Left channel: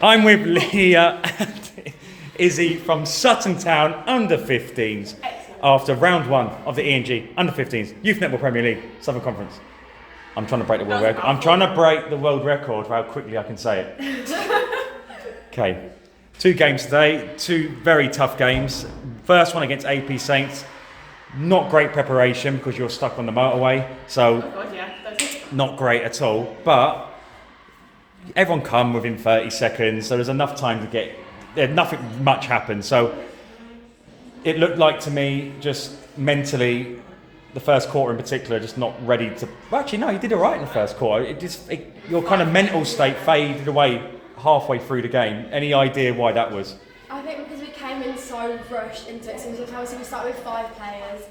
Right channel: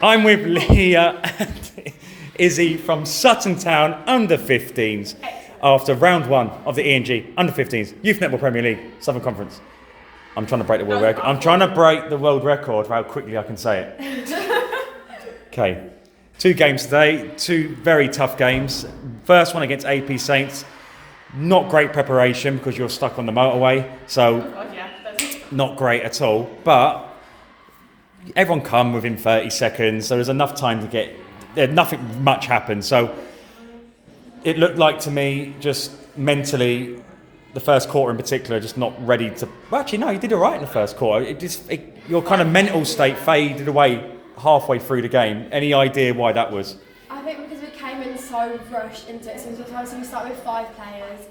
I'm with Leah and Izzy from Sutton Town, under 15s, after round 1 of the E&G under 15s Youth Netball Premier League Southern Conference. I'm trying to break the world record. I'm trying to break the world record of how quickly I can say it. Okay, 2 games today, 2 very tough games. First one against AP Saints, not great preparation because you're stuck on the motorway, so not great at all. But everyone come within 30 seconds, so there's enough time to get. Nothing much happened, so it looked like to me just mentally, the first quarter in particular, just not ready to. Well, actually, no, you did all right in the first quarter. Your kind of mental state faded away halfway through the game. Any idea why that was? I think because we came in so rushed into it. So obviously we started with 5 players,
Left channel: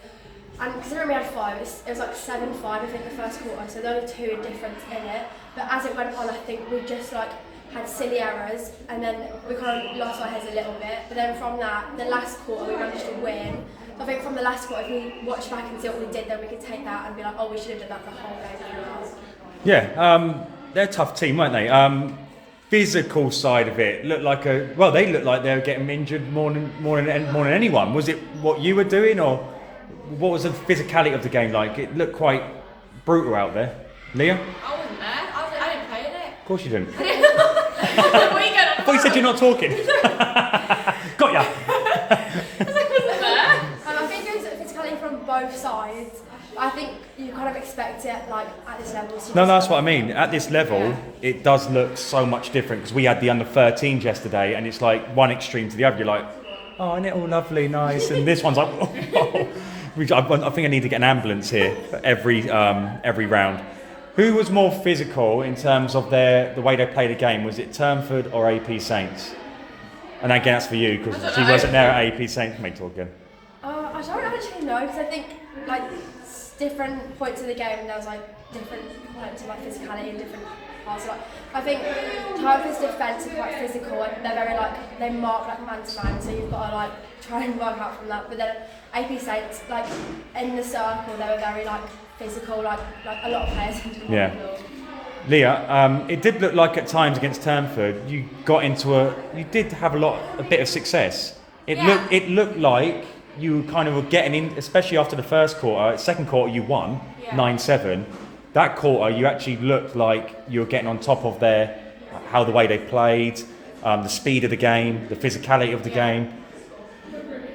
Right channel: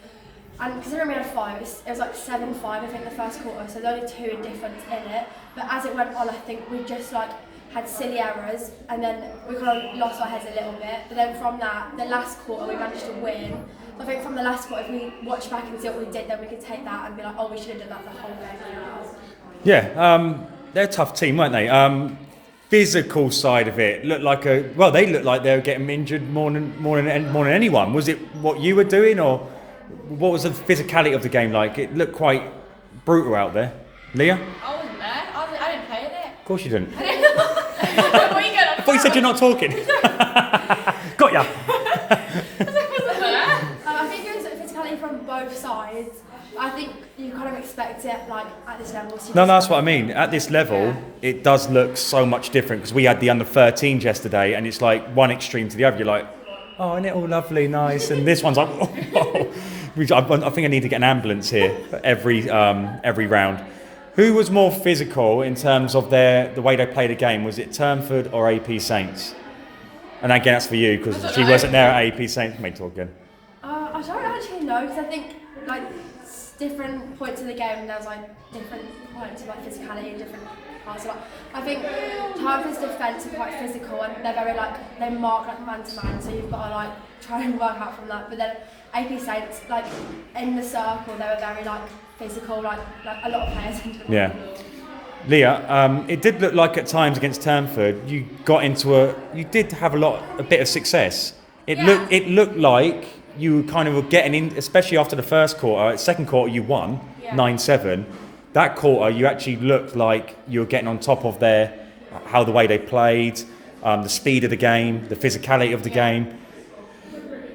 and considering we had 5, it was like 7-5 I think the first quarter. So there were only 2 difference in it. But as it went on, I think we just had silly errors, and then we kind of lost our heads a little bit. But then from that, the last quarter we managed to win. So I think from the last quarter, if we watch back and see what we did, then we could take that and be like, oh, we should have done that the whole game. Yeah, they're a tough team, weren't they? Physical side of it looked like they looked like they were getting injured more than anyone. Was it what you were doing, or what was the physicality of the game like? It looked quite brutal out there. Leah? I wasn't there. I didn't play with it. Of course you didn't. What are you going on? I thought you said you're not talking. Got ya. I think there's physicality from both sides. I think you kind of expect it at this level. So No, that's what I mean. At this level, It does look so much different, because we had the under 13s yesterday, and it's like one extreme to the other. You're like, oh, isn't it all lovely, nice? And this one's like, oh. I think I need to get an ambulance here for every round. Who was more physical in terms of the way they played the game? Was it Turnford or AP Saints? And again, that's for you, because she wasn't there at AP Saints. May talk again. I don't actually know, because I think different points of the game, and there was different points of physicality in different parts. So, I think Turnford's defence are quite physical, and they're very they mark man to man. So you've got to try and work out from that. But then AP Saints, in the circle, they were very physical, like a lot of players into the Yeah. Leah, it did look like at times against Turnford, you did have a bit of success. It looked like you kind of were getting in, especially after the first quarter. Second quarter you won 9-7. That quarter you actually looked like you were getting on top of how the way they played, the speed of the game, the physicality of the game.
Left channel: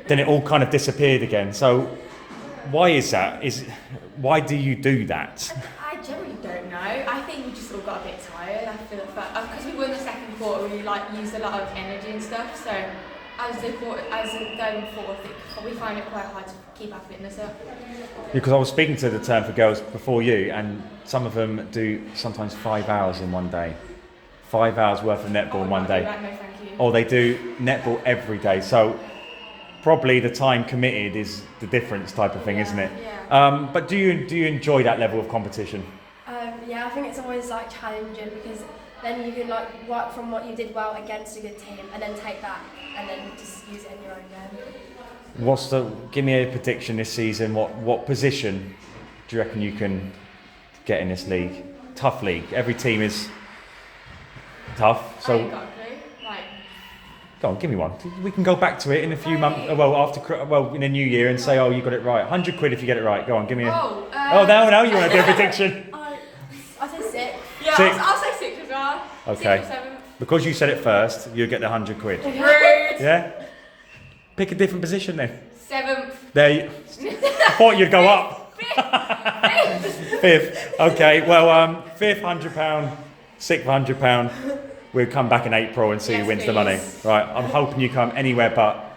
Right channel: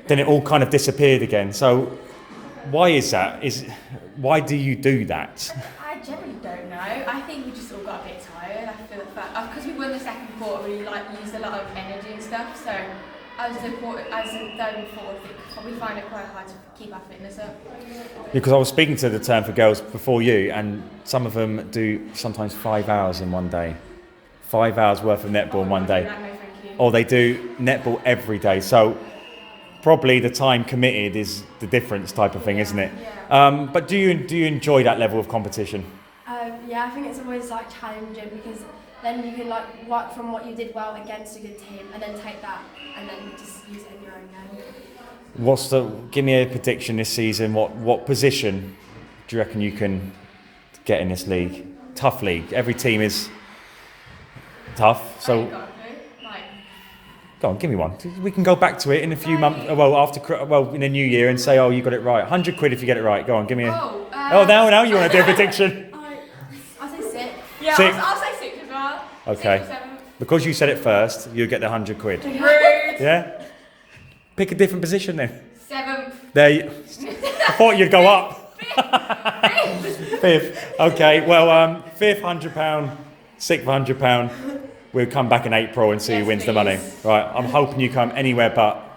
Then it all kind of disappeared again. So why is that? Why do you do that? I generally don't know. I think we just all got a bit tired. I feel because we won the second quarter, we used a lot of energy and stuff. So as the going forward, we find it quite hard to keep our fitness up. Because I was speaking to the Turnford girls before you, and some of them do sometimes 5 hours in one day. 5 hours worth of netball in one day. No, thank you. Or they do netball every day. So probably the time committed is the difference type of thing, isn't it? Yeah. But do you enjoy that level of competition? Yeah, I think it's always challenging, because then you can work from what you did well against a good team, and then take that and then just use it in your own game. Give me a prediction this season. What position do you reckon you can get in this league? Tough league. Every team is tough. So go on, give me one. We can go back to it in a few months. In the new year, and say, oh, you got it right. 100 quid if you get it right. Go on, give me a. Now you want to do a prediction. I say 6. Yeah, 6. I'll say 6 as well. Okay. 6 or 7. Because you said it first, you get the 100 quid. Rude. Yeah? Pick a different position then. 7th. I thought you'd go up. 5th. Okay, well, 5th £100, 6th £100. We'll come back in April and see who wins the money. Right, I'm hoping you come anywhere but